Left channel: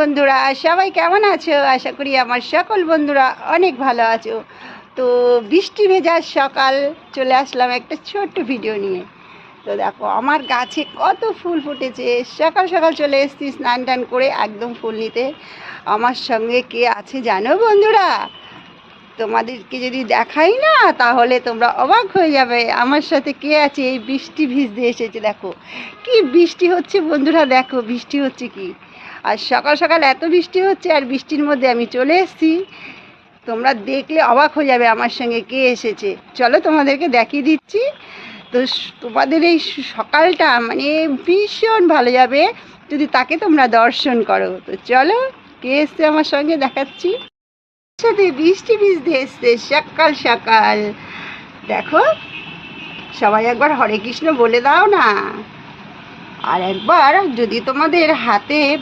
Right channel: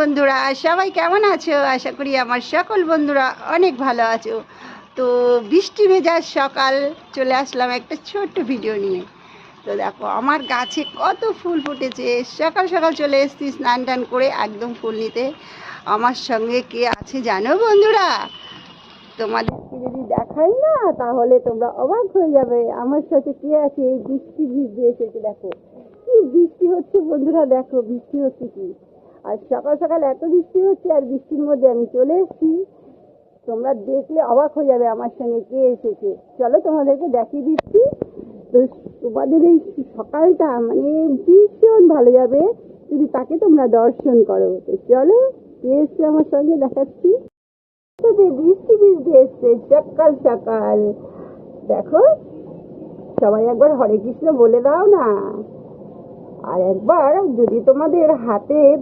বন্ধুরা, সবাই কেমন আছো? আশা করি আমার সকল বন্ধুরা অনেক ভালো আছো। তো বৃষ্টি ভেজা সকাল চলে আসলাম একটা ছোট্ট ভিডিও নিয়ে। তো দেখো আমার গাছে কত ফুল ফুটেছে। সকাল সকাল চলে এসেছি স্নান টান করে একদম ফুল নিতে। আমার সঙ্গে কে আছে জানো বন্ধুরা? তোমাদেরকে যদি দেখাই না তাহলে তোমরা অবাক হয়ে যাবে আমার সাথে কে আছে। এই বৃষ্টি ভিজতে এসেছে, দেখো কি বৃষ্টি হচ্ছে বন্ধুরা, দেখো বৃষ্টি হচ্ছে কি। আর সকাল সকাল এত বৃষ্টি হচ্ছে, আর বৃষ্টির মধ্যে আমি চলে এসেছি। তোমরা দেখলে অবাক হয়ে যাবে আমার সঙ্গে কে এসেছে। চলো তোমাদেরকে দেখিয়ে দিচ্ছি। তো তোমাদের এই সকালটা মানে ভীষণ ভালো যাবে যদি তাকে তোমরা দর্শন করো। তো চলো কে এসছে আমার সঙ্গে দেখাচ্ছি। সাথে বৃষ্টি ভিজতে এসছে সকাল সকাল। দেখো সবাই একবার হরে কৃষ্ণ বলে দাও না। আর একবার যদি তোমাদের হাতে